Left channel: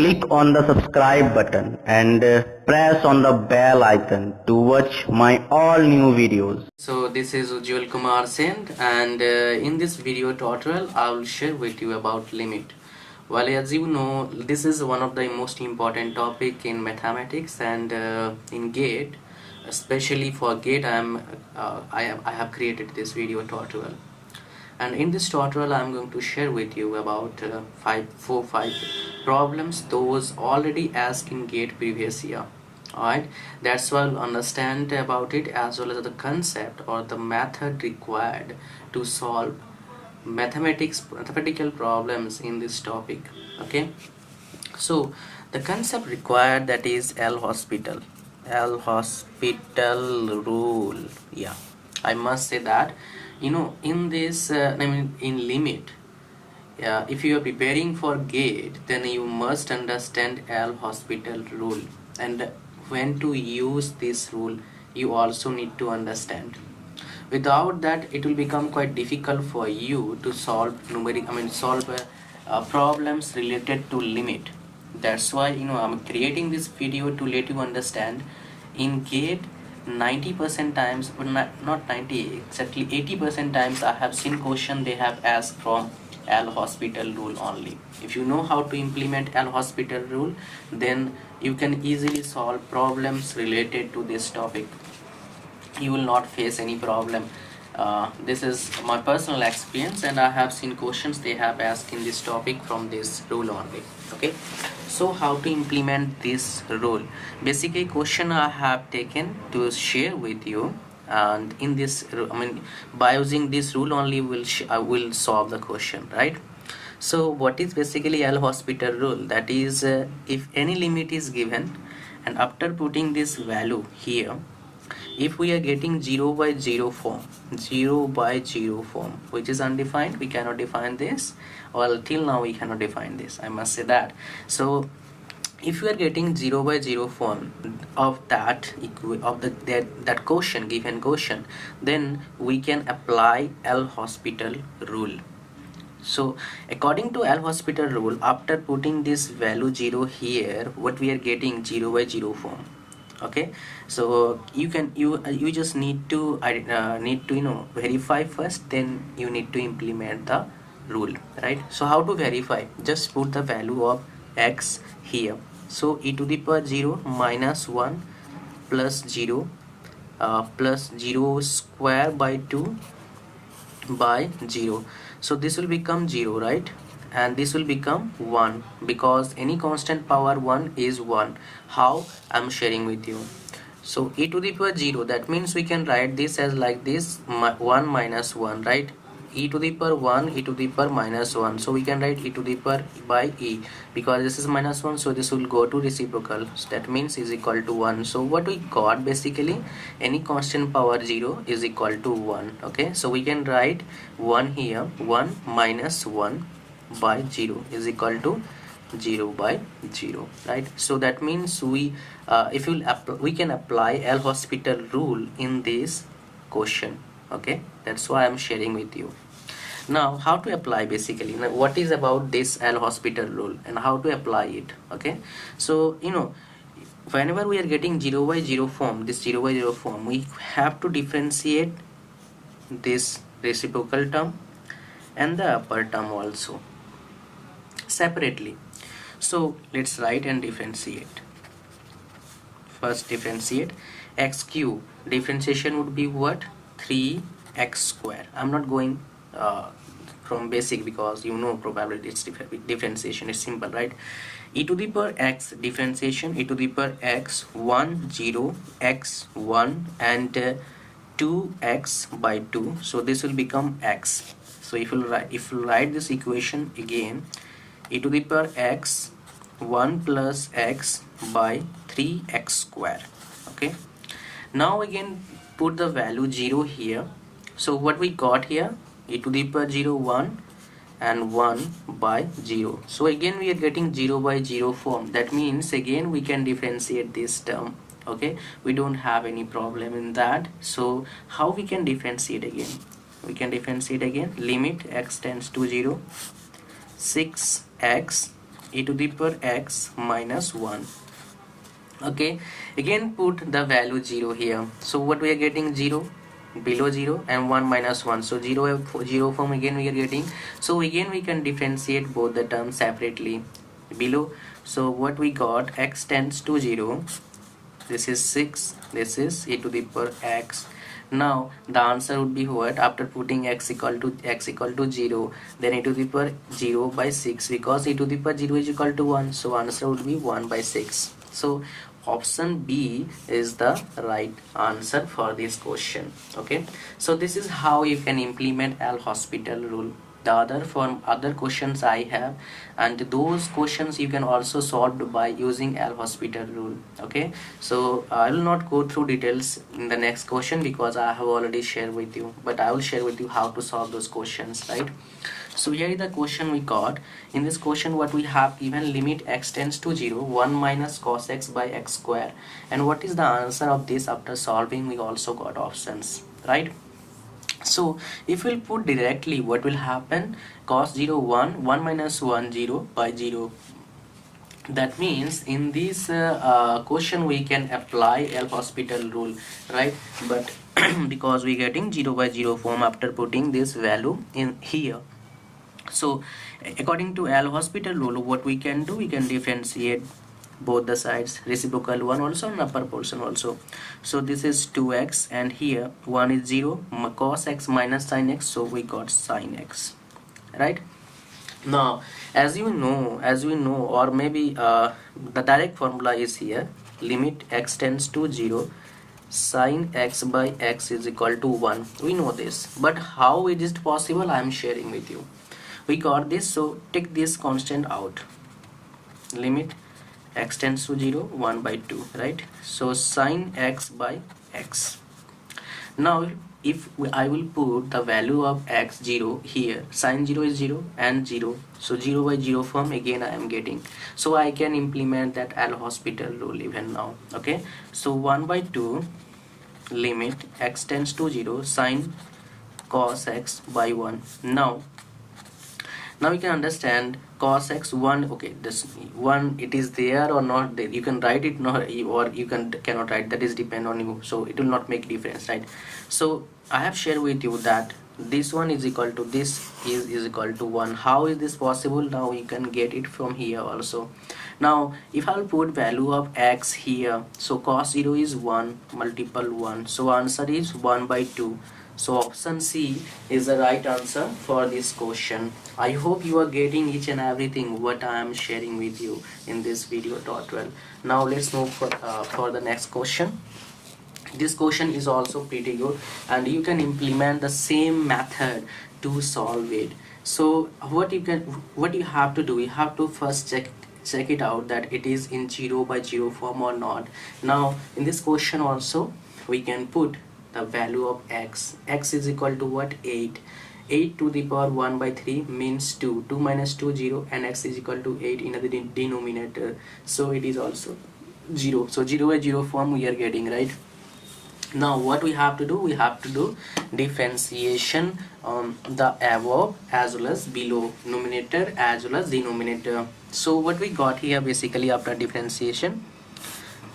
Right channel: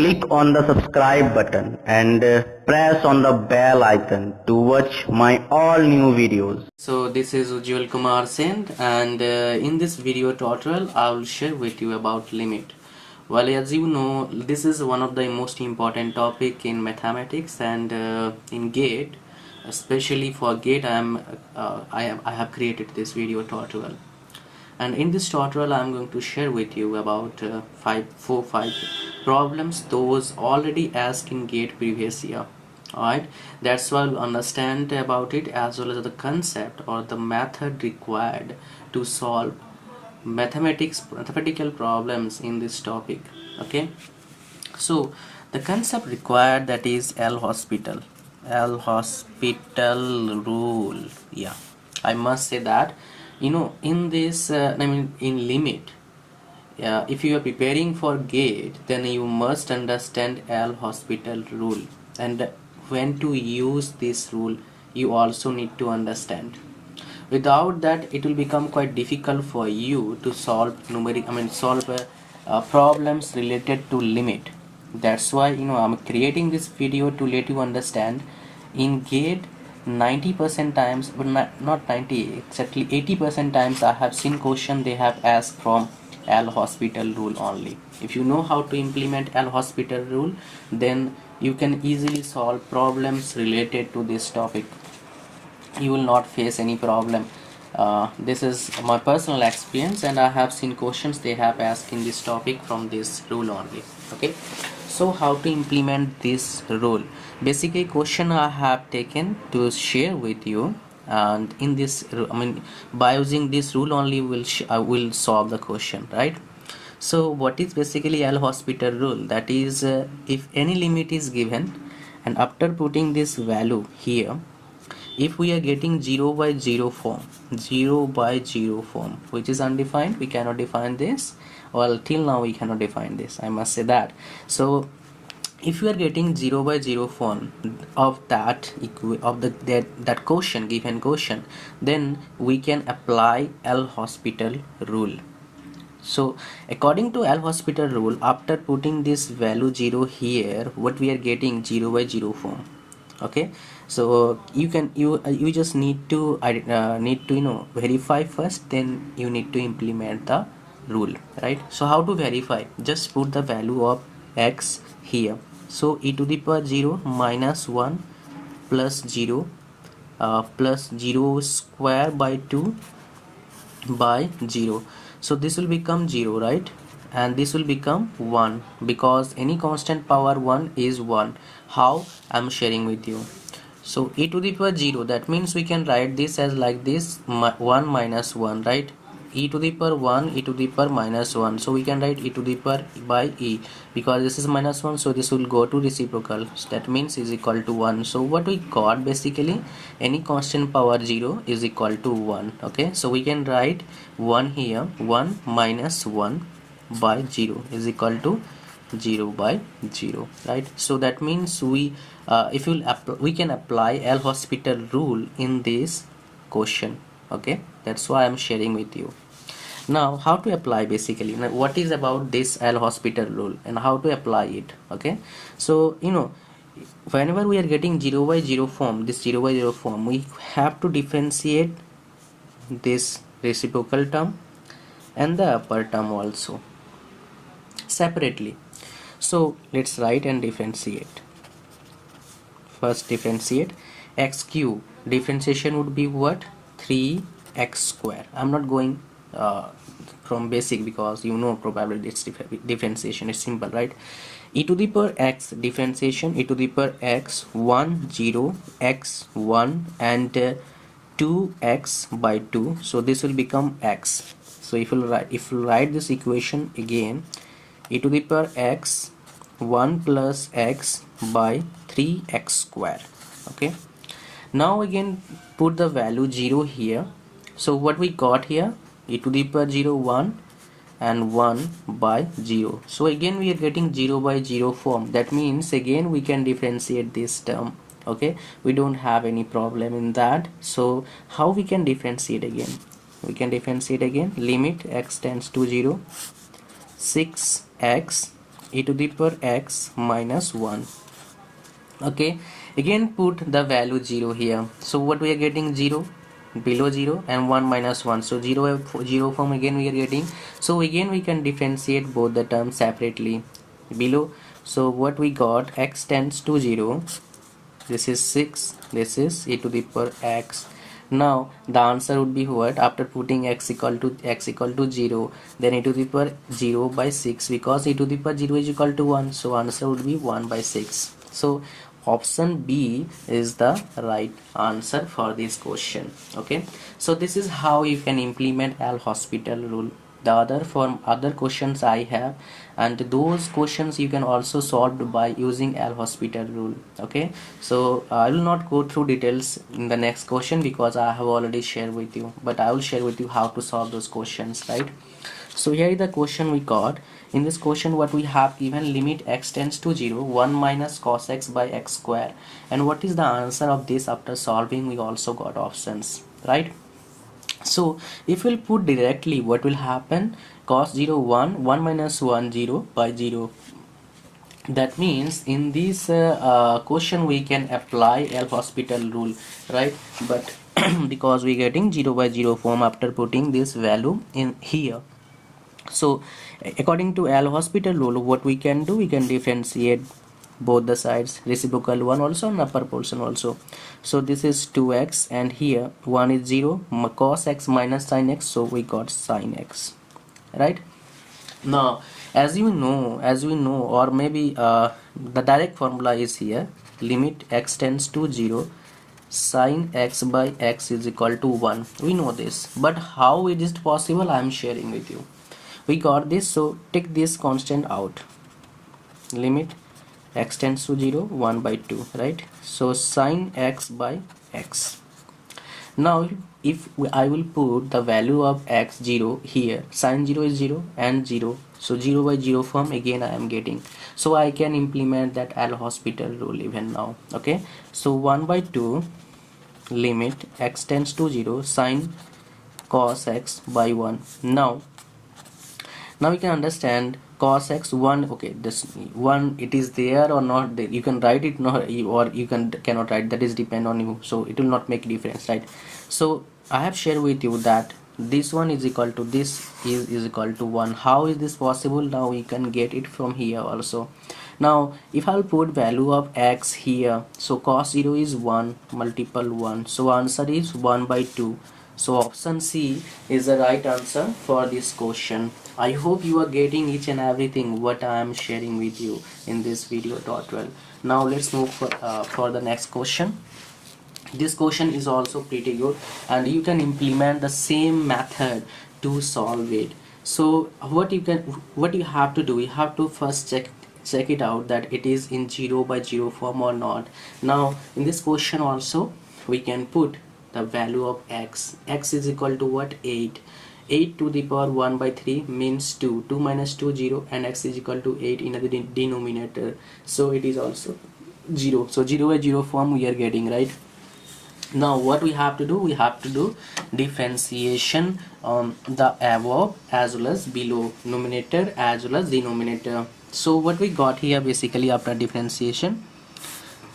Click on the subscribe button and press on the bell icon to watch my all new videos. So this is Ujjwal Kumar Singh, and in this video tutorial I will share with you about limit. Well, as you know, this is one of the most important topic in mathematics, and in GATE, especially for GATE, I have created this video tutorial. And in this tutorial I'm going to share with you about 5 problems those already asked in GATE previous year. Alright, that's why we'll understand about it, as well as the concept or the method required to solve mathematical problems in this topic. Okay, so the concept required, that is L hospital rule. Yeah, I must say that, in this in limit, if you are preparing for GATE, then you must understand L hospital rule, and when to use this rule you also need to understand. Without that, it will become quite difficult for you to solve problems related to limit. That's why I'm creating this video to let you understand. In GATE, 90% times, but not 90, exactly 80% times I have seen question they have asked from L hospital rule only. If you know how to implement L hospital rule, then you can easily solve problems related to this topic. You will not face any problem. This is my personal experience, and I have seen questions they have asked in this topic from this rule only. Okay, so how to implement this rule? Basically, question I have taken to share with you, and in this by using this rule only I will solve the question, right? So what is basically L hospital rule? That is, if any limit is given, and after putting this value here, if we are getting 0 by 0 form, which is undefined, we cannot define this. Well, till now we cannot define this, I must say that. So if we are getting 0 by 0 form of that quotient, given quotient, then we can apply L hospital rule. So according to L hospital rule, after putting this value 0 here, what we are getting 0 by 0 form. Okay, so you just need to verify first, then you need to implement the rule, right? So how to verify? Just put the value of x here. So e to the power 0 minus 1 plus 0 plus 0 square by 2 by 0. So this will become 0, right? And this will become 1, because any constant power 1 is 1. How? I'm sharing with you. So e to the power 0, that means we can write this as like this, 1 minus 1, right? E to the power 1, e to the power minus 1. So we can write e to the power by e, because this is minus 1, so this will go to reciprocal. So that means is equal to 1. So what we got, basically, any constant power 0 is equal to 1. Okay, so we can write 1 here. 1 minus 1 by 0 is equal to 0 by 0, right? So that means we can apply L hospital rule in this question. Okay, that's why I'm sharing with you. Now how to apply, basically, now what is about this L hospital rule and how to apply it. Okay, so whenever we are getting 0 by 0 form, this 0 by 0 form, we have to differentiate this reciprocal term and the upper term also separately. So let's write and differentiate. First differentiate x cube. Differentiation would be what? 3x square. I'm not going from basic, because probably it's differentiation is simple, right? E to the power x, differentiation, e to the power x 1 0 x 1 and 2x by 2. So this will become x. So if you write this equation again, e to the power x 1 plus x by 3x square. Okay, now again put the value 0 here. So what we got here, e to the power 0 1 and 1 by 0. So again we are getting 0 by 0 form. That means again we can differentiate this term. Okay, we don't have any problem in that. So how we can differentiate again? We can differentiate again. Limit x tends to 0, 6x e to the power x minus 1. Okay, again put the value 0 here. So what we are getting? 0, below 0, and 1 minus 1. So 0 form again we are getting. So again we can differentiate both the terms separately below. So what we got, x tends to 0, this is 6, this is e to the power x. Now the answer would be what? After putting x equal to 0, then e to the power 0 by 6, because e to the power 0 is equal to 1, so answer would be 1 by 6. So option B is the right answer for this question. Okay, so this is how you can implement L-Hospital rule. The other questions I have, and those questions you can also solve by using L-Hospital rule. Okay, so I will not go through details in the next question because I have already shared with you, but I will share with you how to solve those questions, right? So here is the question we got. In this question what we have given, limit x tends to 0, 1 minus cos x by x square. And what is the answer of this? After solving we also got options, right? So if we'll put directly, what will happen? Cos 0 1, 1 minus 1 0 by 0. That means in this question we can apply L-Hospital rule, right? But because we getting 0 by 0 form after putting this value in here. So according to L-Hospital rule, what we can do, we can differentiate both the sides, reciprocal one also and upper portion also. So this is 2x, and here 1 is 0, cos x minus sin x, so we got sin x, right? Now as we know, or maybe the direct formula is here, limit x tends to 0, sin x by x is equal to 1. We know this, but how it is possible, I am sharing with you. We got this, so take this constant out, limit x tends to 0, 1 by 2, right? So sin x by x. Now if I will put the value of x 0 here, sin 0 is 0 and 0, so 0 by 0 form again I am getting, so I can implement that L-Hospital rule even now. Okay, so 1 by 2 limit x tends to 0, sin cos x by 1. Now you can understand cos x 1. Okay, this 1, it is there or not there, you can write it, not, or you cannot write, that is depend on you, so it will not make difference, right? So I have shared with you that this one is equal to this is equal to 1. How is this possible? Now you can get it from here also. Now if I'll put value of x here, so cos 0 is 1 multiple 1, so answer is 1 by 2. So option C is the right answer for this question. I hope you are getting each and everything what I am sharing with you in this video tutorial. Now let's move for the next question. This question is also pretty good, and you can implement the same method to solve it. So what you have to do, you have to first check it out that it is in 0 by 0 form or not. Now in this question also we can put the value of x. X is equal to what? 8 to the power 1 by 3 means 2 minus 2 0, and x is equal to 8 in the denominator, so it is also 0. So 0 by 0 form we are getting, right? Now what we have to do, we have to do differentiation on the above as well as below, numerator as well as denominator. So what we got here, basically after differentiation,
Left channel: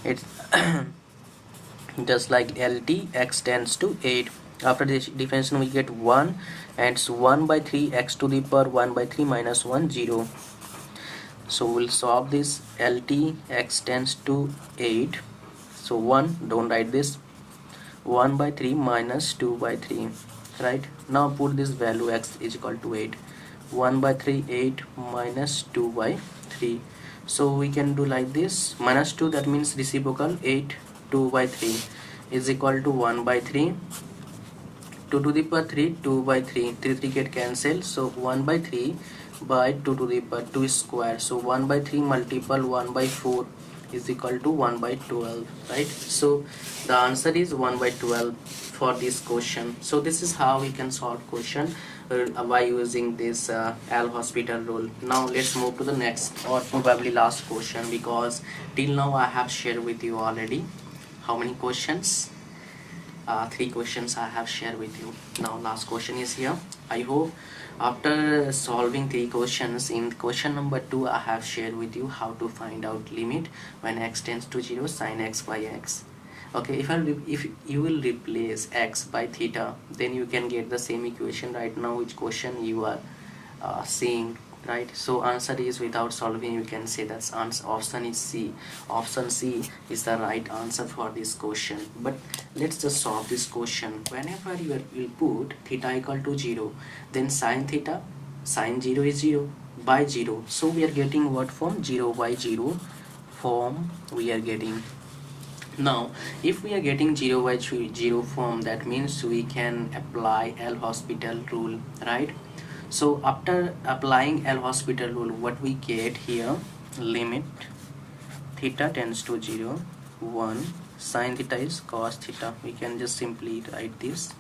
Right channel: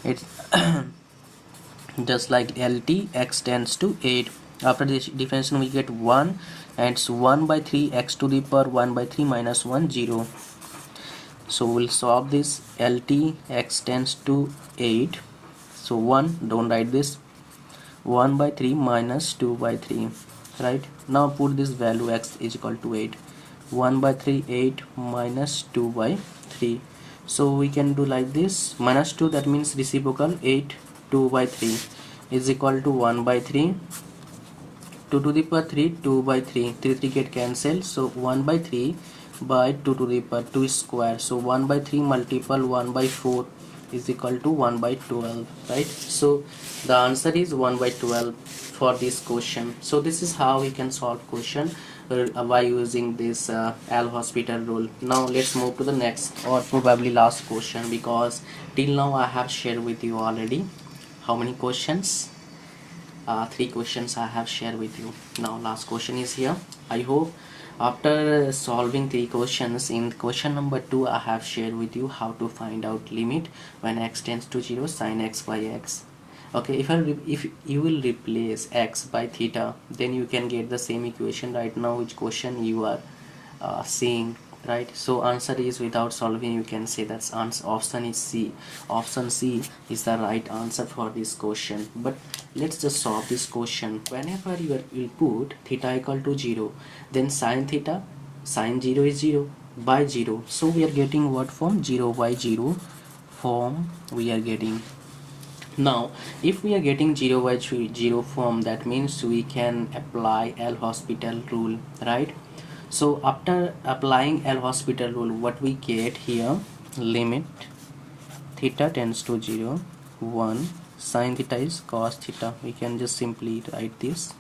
it's just like LT, x tends to 8. After this differentiation we get 1, and it's 1 by 3 x to the power 1 by 3 minus 1 0. So we'll solve this. LT, x tends to 8, so 1, don't write this, 1 by 3 minus 2 by 3, right? Now put this value x is equal to 8, 1 by 3 8 minus 2 by 3. So we can do like this, minus 2, that means reciprocal, 8 2 by 3 is equal to 1 by 3, 2 to the power 3, 2 by 3, 3 get cancelled, so 1 by 3 by 2 to the power 2 square, so 1 by 3 multiple 1 by 4 is equal to 1 by 12, right? So the answer is 1 by 12 for this question. So this is how we can solve question by using this L-Hospital rule. Now let's move to the next, or probably last question, because till now I have shared with you already how many questions, 3 questions I have shared with you. Now last question is here. I hope After solving 3 questions, in question number 2 I have shared with you how to find out limit when x tends to 0 sin x by x. Okay, if you will replace x by theta, then you can get the same equation right now which question you are seeing, right? So answer is, without solving, you can say that option is C. Option C is the right answer for this question. But let's just solve this question. Whenever you put theta equal to 0, then sin 0 is 0 by 0. So we are getting what form? 0 by 0 form we are getting. Now if we are getting 0 by 0 form, that means we can apply L'Hospital rule, right? So after applying L'Hospital rule, what we get here, limit theta tends to 0, 1 sin theta is cos theta. We can just simply write this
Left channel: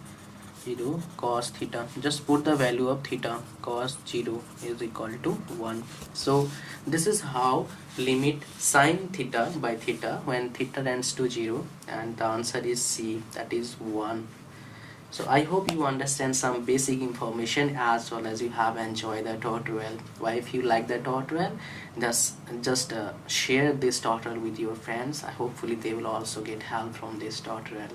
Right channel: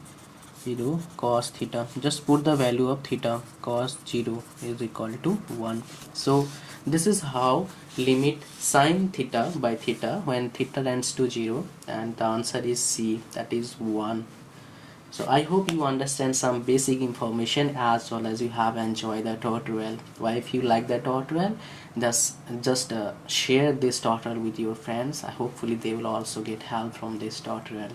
0 cos theta. Just put the value of theta. Cos 0 is equal to 1. So this is how limit sin theta by theta when theta tends to 0, and the answer is C, that is 1. So I hope you understand some basic information as well as you have enjoyed the tutorial. Well, if you like the tutorial, just share this tutorial with your friends. Hopefully they will also get help from this tutorial.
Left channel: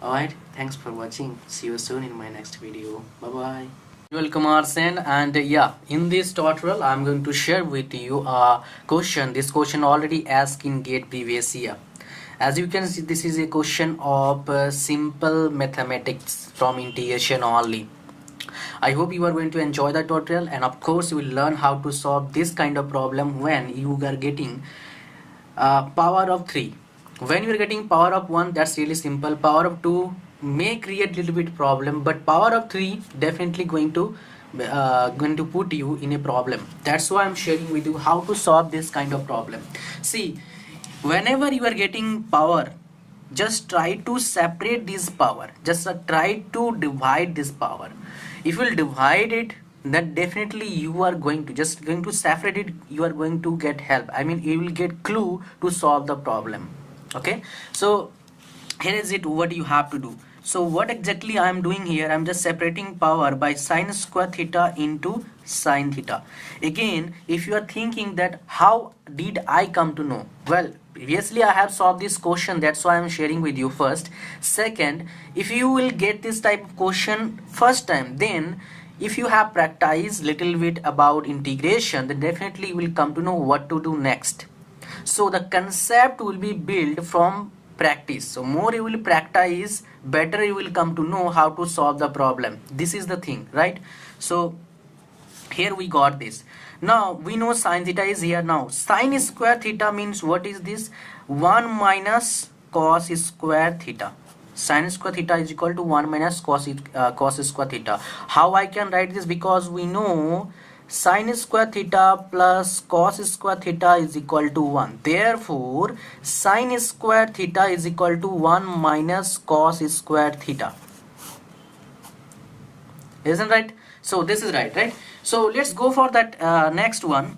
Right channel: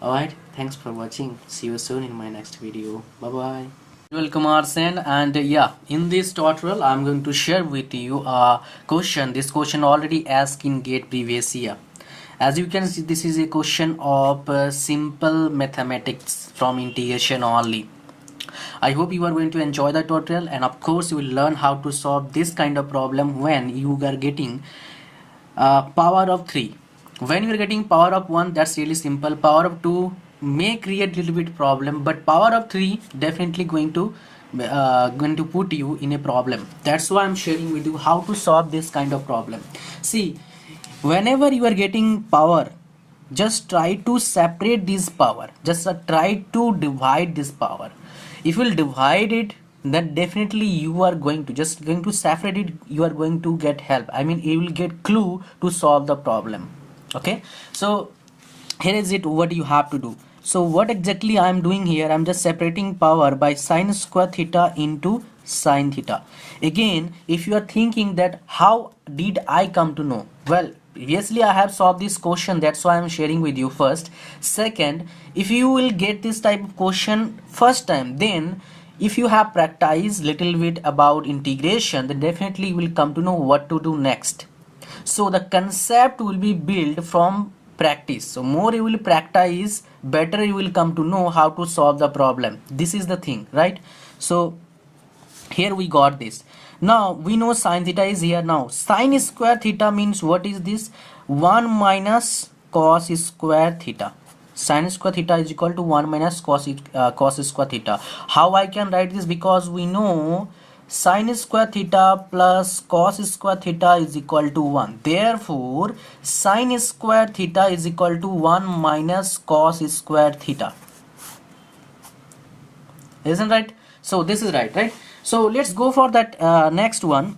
Alright, thanks for watching. See you soon in my next video. Bye bye. Welcome Arsen, and yeah, in this tutorial I'm going to share with you a question. This question already asked in GATE previous year. As you can see, this is a question of simple mathematics from integration only. I hope you are going to enjoy the tutorial, and of course you will learn how to solve this kind of problem when you are getting power of 3. When you are getting power of 1, that's really simple. Power of 2 may create little bit problem, but power of 3 definitely going to put you in a problem. That's why I'm sharing with you how to solve this kind of problem. See, whenever you are getting power, just try to separate this power. Just try to divide this power. If you will divide it, then definitely you are going to separate it. You are going to get help. I mean, you will get clue to solve the problem. Okay, so here is it, what you have to do. So what exactly I am doing here, I am just separating power by sin square theta into sin theta. Again, if you are thinking that how did I come to know, well, previously I have solved this question, that's why I am sharing with you first. Second, if you will get this type of question first time, then if you have practiced little bit about integration, then definitely you will come to know what to do next. So the concept will be built from practice. So more you will practice, better you will come to know how to solve the problem. This is the thing, right? So here we got this. Now we know sin theta is here. Now sin square theta means what is this? 1 minus cos square theta. Sin square theta is equal to 1 minus cos square theta. How I can write this? Because we know sin square theta plus cos square theta is equal to 1. Therefore, sin square theta is equal to 1 minus cos square theta. Isn't right? So this is right? So let's go for that next one.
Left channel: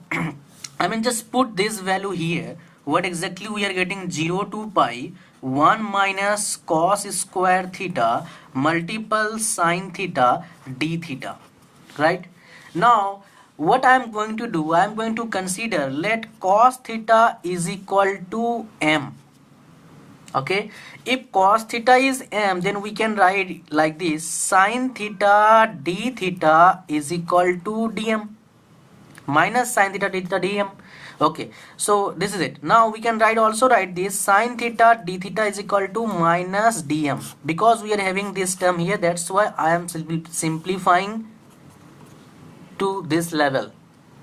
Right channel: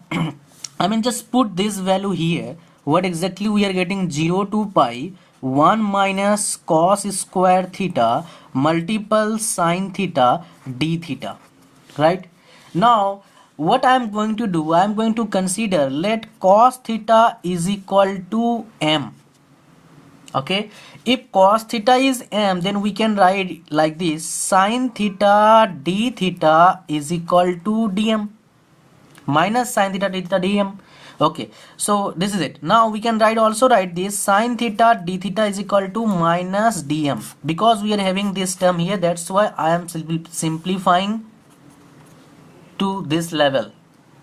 I mean, just put this value here. What exactly we are getting? 0 to pi 1 minus cos square theta multiple sin theta d theta, right? Now what I am going to do, I am going to consider, let cos theta is equal to m. Okay, if cos theta is m, then we can write like this: sin theta d theta is equal to dm minus sin theta d theta dm. Okay, so this is it. Now we can also write this: sin theta d theta is equal to minus dm. Because we are having this term here, that's why I am simplifying to this level.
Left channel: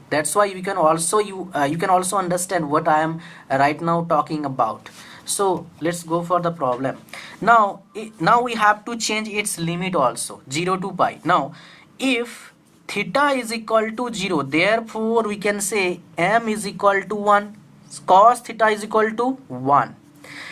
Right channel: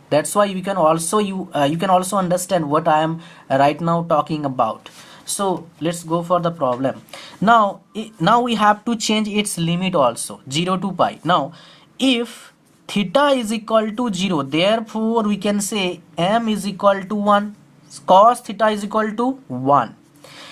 That's why you can also understand what I am right now talking about. So let's go for the problem. Now we have to change its limit also, 0 to pi. Now if theta is equal to 0, therefore we can say m is equal to 1, cos theta is equal to 1.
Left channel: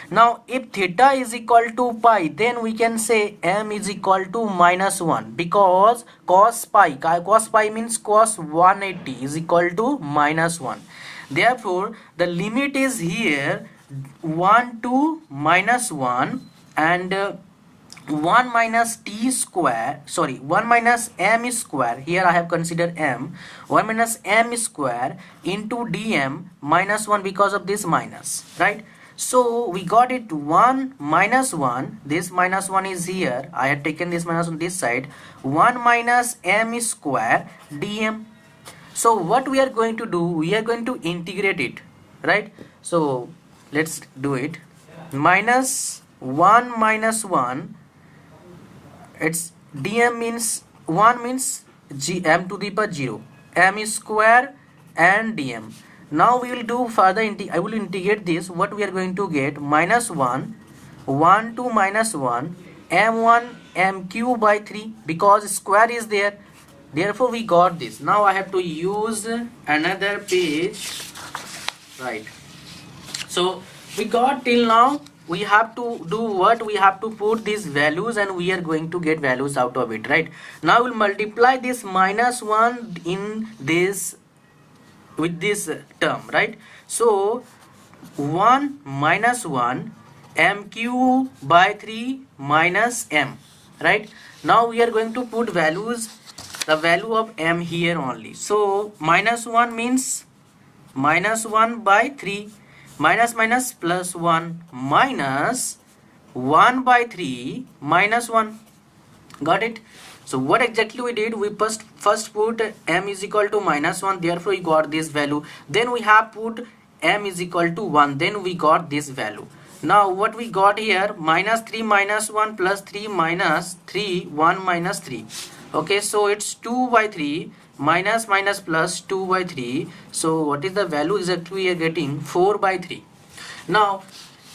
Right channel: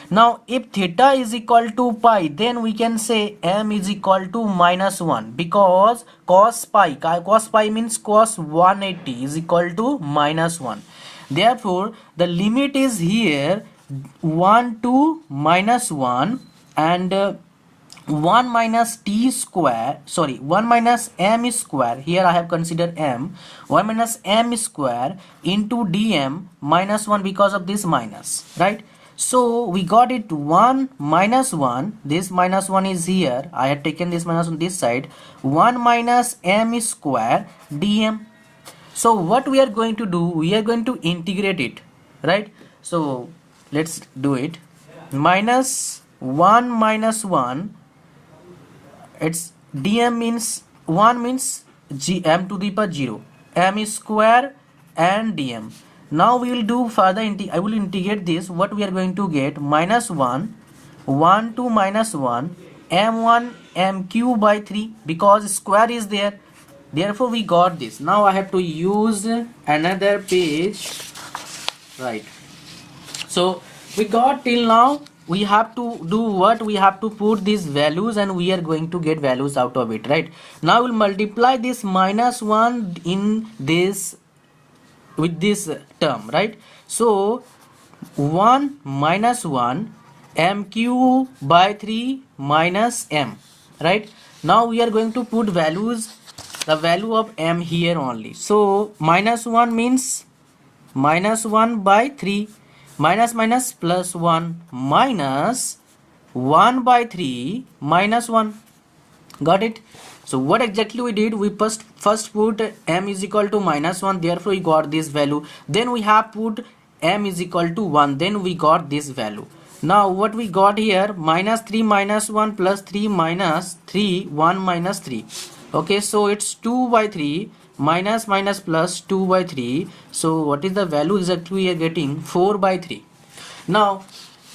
Now if theta is equal to pi, then we can say m is equal to minus 1, because cos pi means cos 180 is equal to minus 1. Therefore the limit is here 1 to minus 1, and 1 minus t square, sorry, 1 minus m square, here I have considered m, 1 minus m square into dm minus 1 because of this minus, right? So we got it 1 minus 1, this minus 1 is here, I had taken this minus on this side, 1 minus m square dm. So what we are going to do, we are going to integrate it, right? So let's do it. Minus 1 minus 1, it's dm means 1 means m to the power 0, m square and dm. Now we will do further, I will integrate this. What we are going to get, minus 1, 1 to minus 1, m1 m cube by 3, because square is there, therefore we got this. Now I have to use another page, right? So we got till now, we have to do what, we have to put these values and we are going to get values out of it, right? Now we'll multiply this minus 1 in this with this term, right? So 1 minus 1 m cube by 3 minus m, right? Now we are going to put values, the value of m here only. So minus 1 means minus 1 by 3, minus minus plus 1, minus 1 by 3 minus 1. Got it? So what exactly we did, we first put m is equal to minus 1, therefore we got this value. Then we have put m is equal to 1, then we got this value. Now what we got here, minus 3 minus 1 plus 3 minus 3, 1 minus 3. Okay, so it's 2 by 3 minus minus plus 2 by 3. So what is the value exactly we are getting? 4 by 3. Now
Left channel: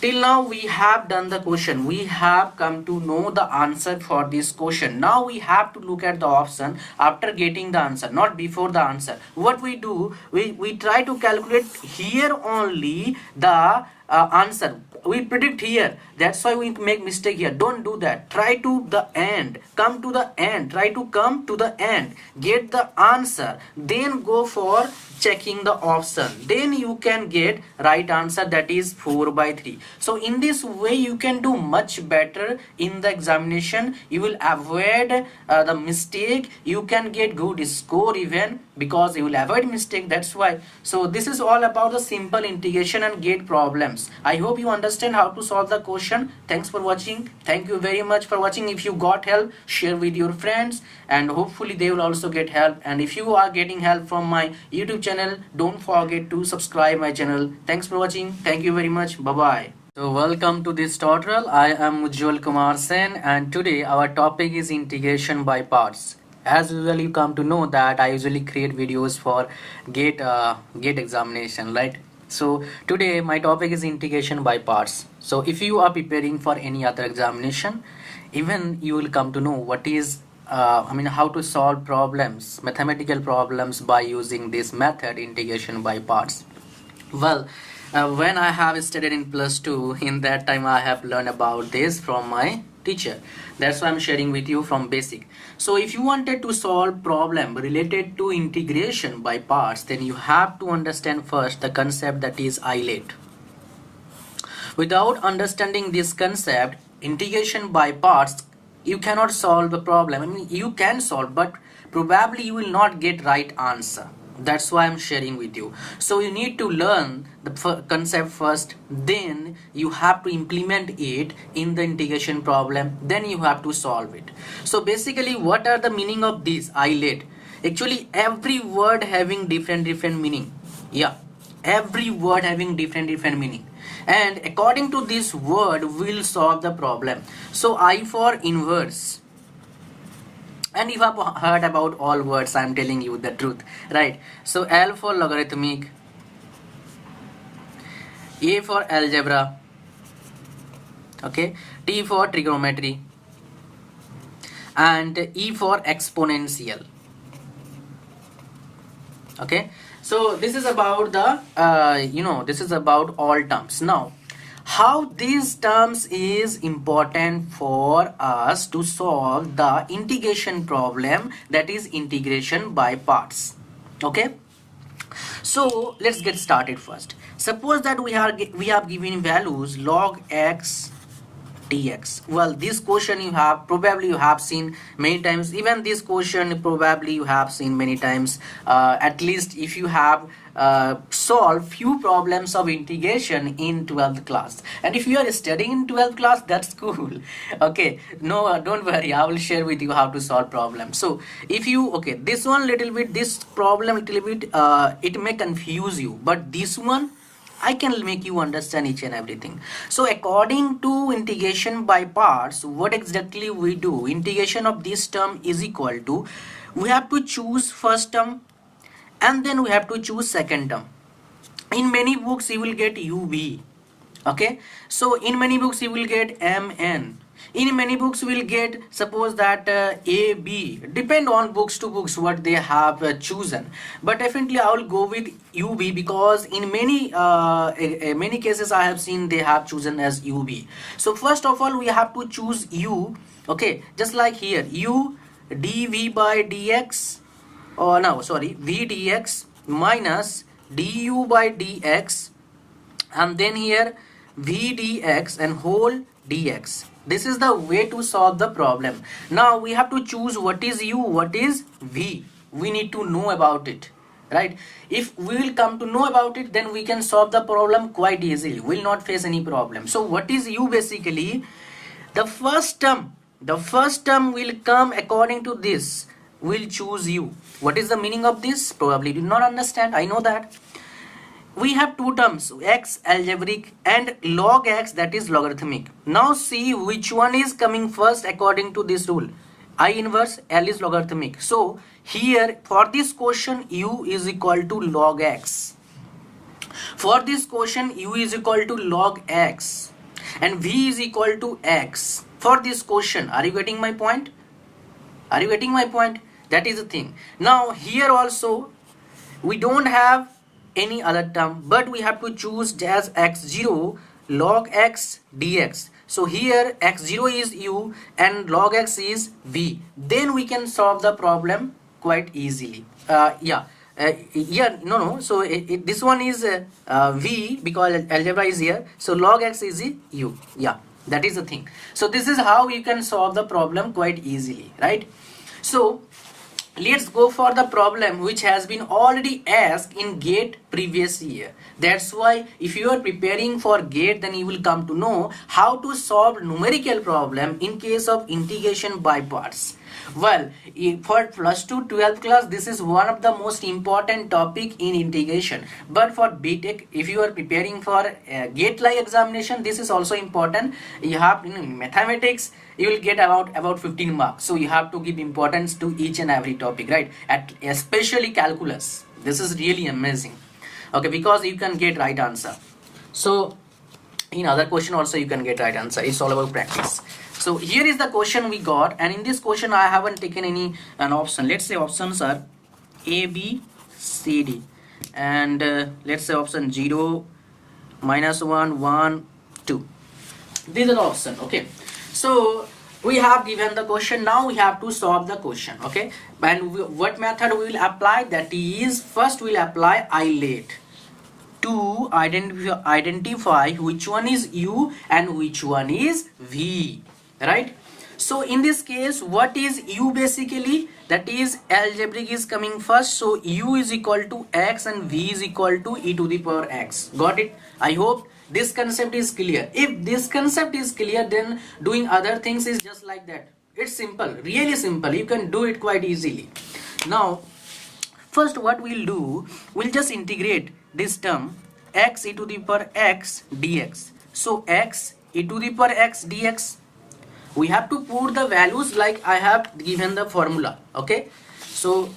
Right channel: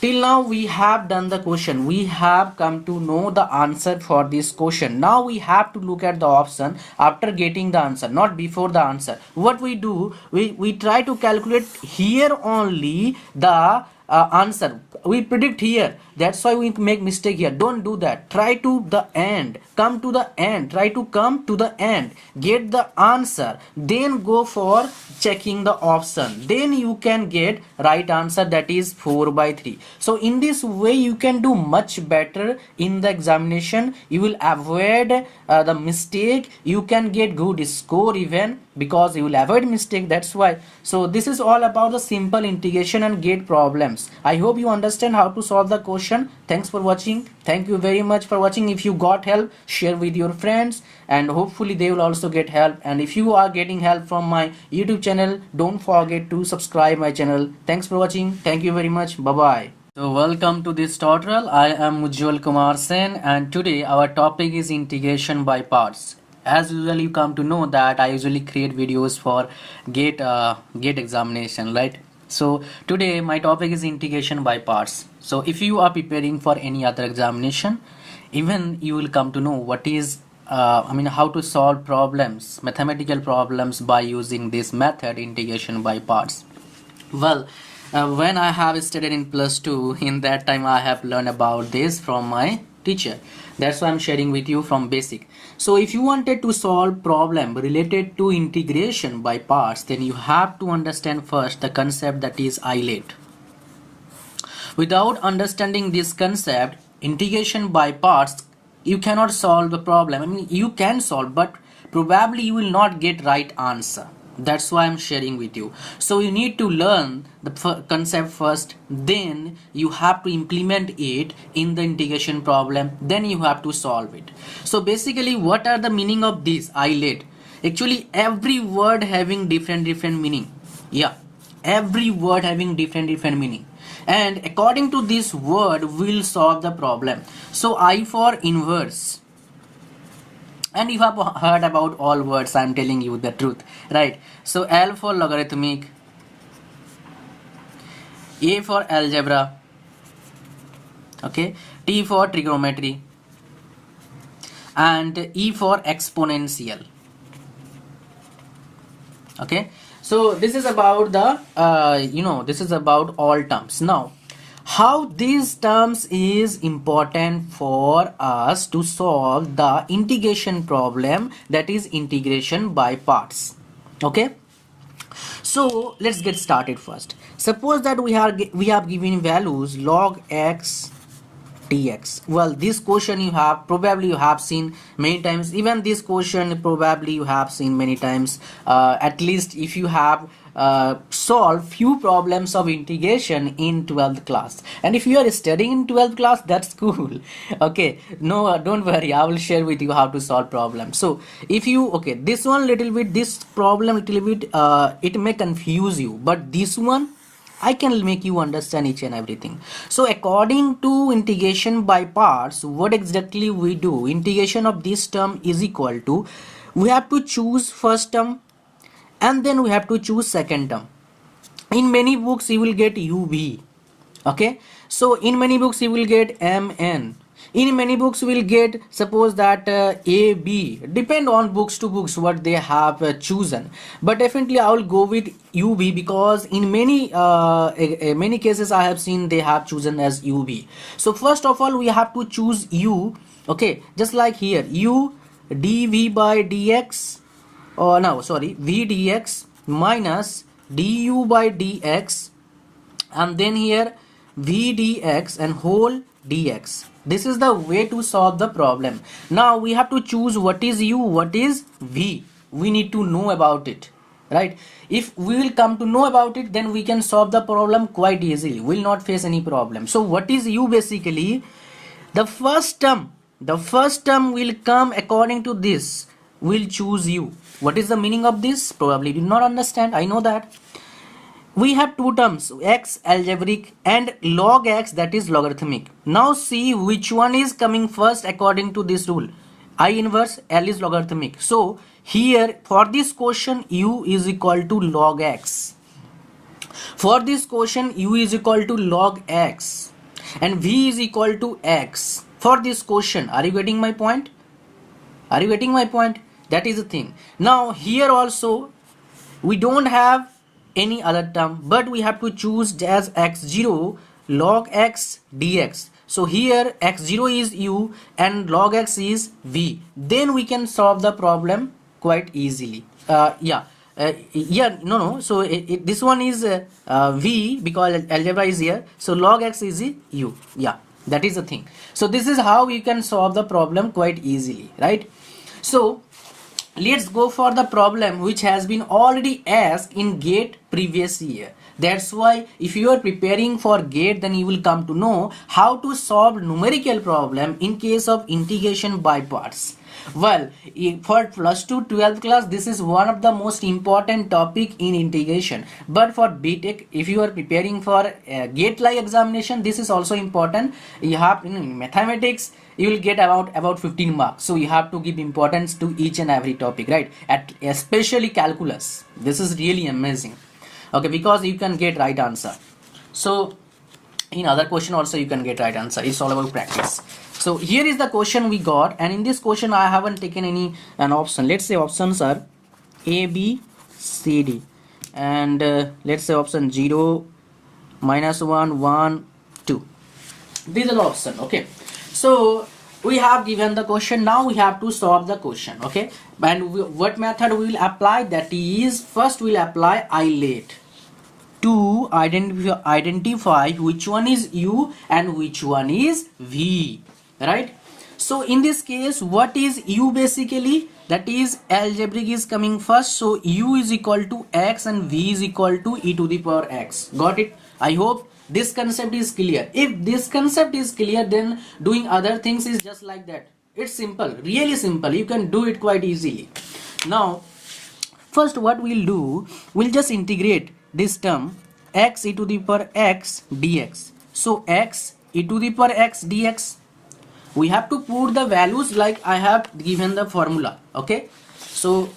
till now we have done the question, we have come to know the answer for this question. Now we have to look at the option after getting the answer, not before the answer. What we do, we try to calculate here only the answer, we predict here, that's why we make mistake here. Don't do that, try to the end, come to the end, try to come to the end, get the answer, then go for checking the option, then you can get right answer, that is 4 by 3. So in this way you can do much better in the examination, you will avoid the mistake, you can get good score even because you will avoid mistake, that's why. So this is all about the simple integration and gate problems. I hope you understand how to solve the question. Thanks for watching, thank you very much for watching. If you got help, share with your friends and hopefully they will also get help. And if you are getting help from my YouTube channel, don't forget to subscribe my channel. Thanks for watching, thank you very much, bye bye. So welcome to this tutorial. I am Ujjwal Kumar Sen and today our topic is integration by parts. As usual, you come to know that I usually create videos for gate examination, right? So today my topic is integration by parts. So if you are preparing for any other examination, even you will come to know what is how to solve problems, mathematical problems by using this method, integration by parts. Well, when I have studied in +2, in that time I have learned about this from my teacher. That's why I'm sharing with you from basic. So if you wanted to solve problem related to integration by parts, then you have to understand first the concept, that is islet. Without understanding this concept, integration by parts, you cannot solve the problem. I mean, you can solve, but probably you will not get right answer. That's why I'm sharing with you. So you need to learn the concept first, then you have to implement it in the integration problem, then you have to solve it. So basically, what are the meaning of this islet? Actually, every word having different meaning. Yeah, every word having different meaning, and according to this word we'll solve the problem. So I for inverse, and you have heard about all words, I'm telling you the truth, right? So L for logarithmic, A for algebra, okay, T for trigonometry, and E for exponential. Okay, so this is about the this is about all terms. Now how these terms is important for us to solve the integration problem, that is integration by parts. Okay, so let's get started first. Suppose that we have given values log x dx. Well, this question you have probably you have seen many times. Even this question probably you have seen many times, at least if you have solved few problems of integration in 12th class. And if you are studying in 12th class, that's cool. Okay, no, don't worry, I will share with you how to solve problems. So if you, okay, this one little bit, this problem little bit, it may confuse you, but this one I can make you understand each and everything. So according to integration by parts, what exactly we do? Integration of this term is equal to, we have to choose first term and then we have to choose second term. In many books you will get UV. Okay, so in many books you will get MN. In many books you will get, suppose that AB. Depend on books to books what they have chosen, but definitely I will go with UV because in many cases I have seen they have chosen as UV. So first of all we have to choose U. Okay, just like here, U dV by dx, or no, sorry, v dx minus du by dx, and then here v dx and whole dx. This is the way to solve the problem. Now we have to choose what is u, what is v. We need to know about it, right? If we will come to know about it, then we can solve the problem quite easily. We will not face any problem. So what is u? Basically the first term will come according to this. We'll choose u. What is the meaning of this? Probably you will not understand, I know that. We have two terms, x algebraic and log x, that is logarithmic. Now see which one is coming first according to this rule. I inverse L is logarithmic. So here for this question u is equal to log x. For this question u is equal to log x and v is equal to x. For this question, are you getting my point? Are you getting my point? That is the thing. Now here also we don't have any other term, but we have to choose as x0 log x dx. So here x0 is u and log x is v. Then we can solve the problem quite easily. So this one is v because algebra is here. So log x is u. Yeah, that is the thing. So this is how you can solve the problem quite easily, right? So let's go for the problem which has been already asked in GATE previous year. That's why if you are preparing for GATE, then you will come to know how to solve numerical problem in case of integration by parts. Well, for plus 2 12th class, this is one of the most important topic in integration. But for BTech, if you are preparing for GATE-like examination, this is also important. You have in mathematics, you will get about 15 marks. So you have to give importance to each and every topic, right? Especially calculus. This is really amazing. Okay, because you can get right answer. So in other question also you can get right answer. It's all about practice. So here is the question we got, and in this question I haven't taken an option. Let's say options are A, B, C, D, and let's say option 0, -1, 1, 2. These are the option. Okay, so we have given the question. Now we have to solve the question. Okay, and what method we will apply? That is, first we will apply isolate to identify which one is u and which one is v, right? So in this case, what is u? Basically that is algebraic is coming first, so u is equal to x and v is equal to e to the power x. Got it? I hope this concept is clear. If this concept is clear, then doing other things is just like that. It's simple, really simple. You can do it quite easily. Now first what we'll do, we'll just integrate this term x e to the power x dx. So x e to the power x dx, we have to put the values like I have given the formula. Okay, so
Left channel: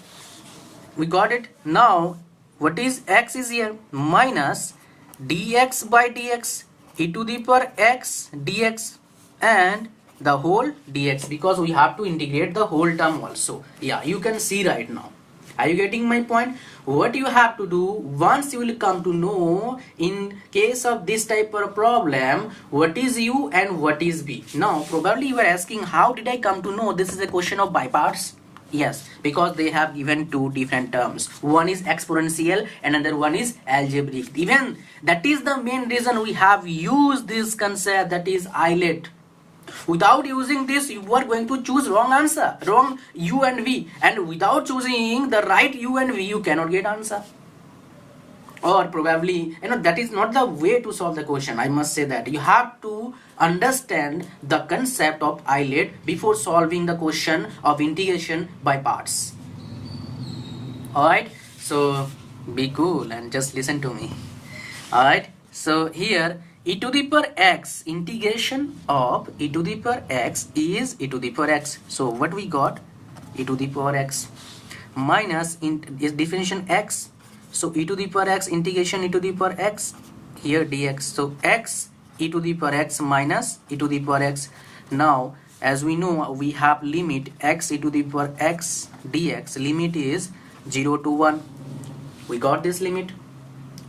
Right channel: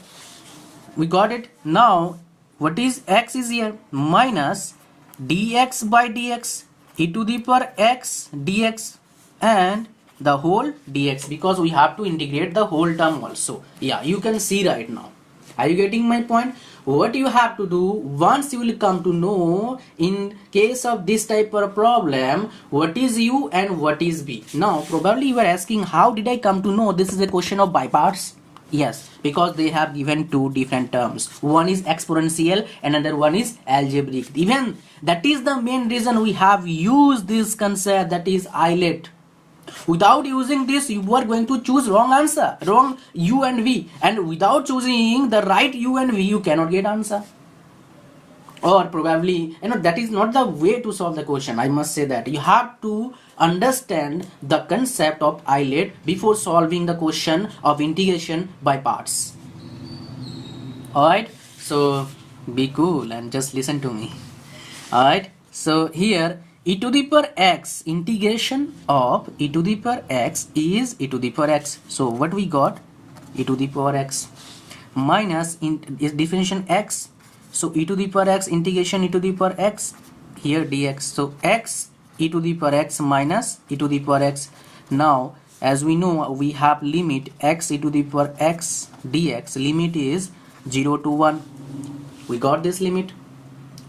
we got it. Now what is x is here, minus dx by dx e to the power x dx and the whole dx, because we have to integrate the whole term also. Yeah, you can see right now. Are you getting my point? What you have to do, once you will come to know in case of this type of problem, what is u and what is v. Now probably you are asking, how did I come to know this is a question of by parts? Yes, because they have given two different terms. One is exponential, another one is algebraic. Even that is the main reason we have used this concept, that is isolate. Without using this, you are going to choose wrong answer, wrong u and v, and without choosing the right u and v, you cannot get answer. Or probably, that is not the way to solve the question. I must say that you have to understand the concept of islet before solving the question of integration by parts. Alright, so be cool and just listen to me. Alright, so here e to the power x, integration of e to the power x is e to the power x. So what we got? E to the power x minus is differentiation x. So e to the power x, integration e to the power x, here dx. So x e to the power x minus e to the power x. Now as we know, we have limit x e to the power x dx, limit is 0 to 1. We got this limit.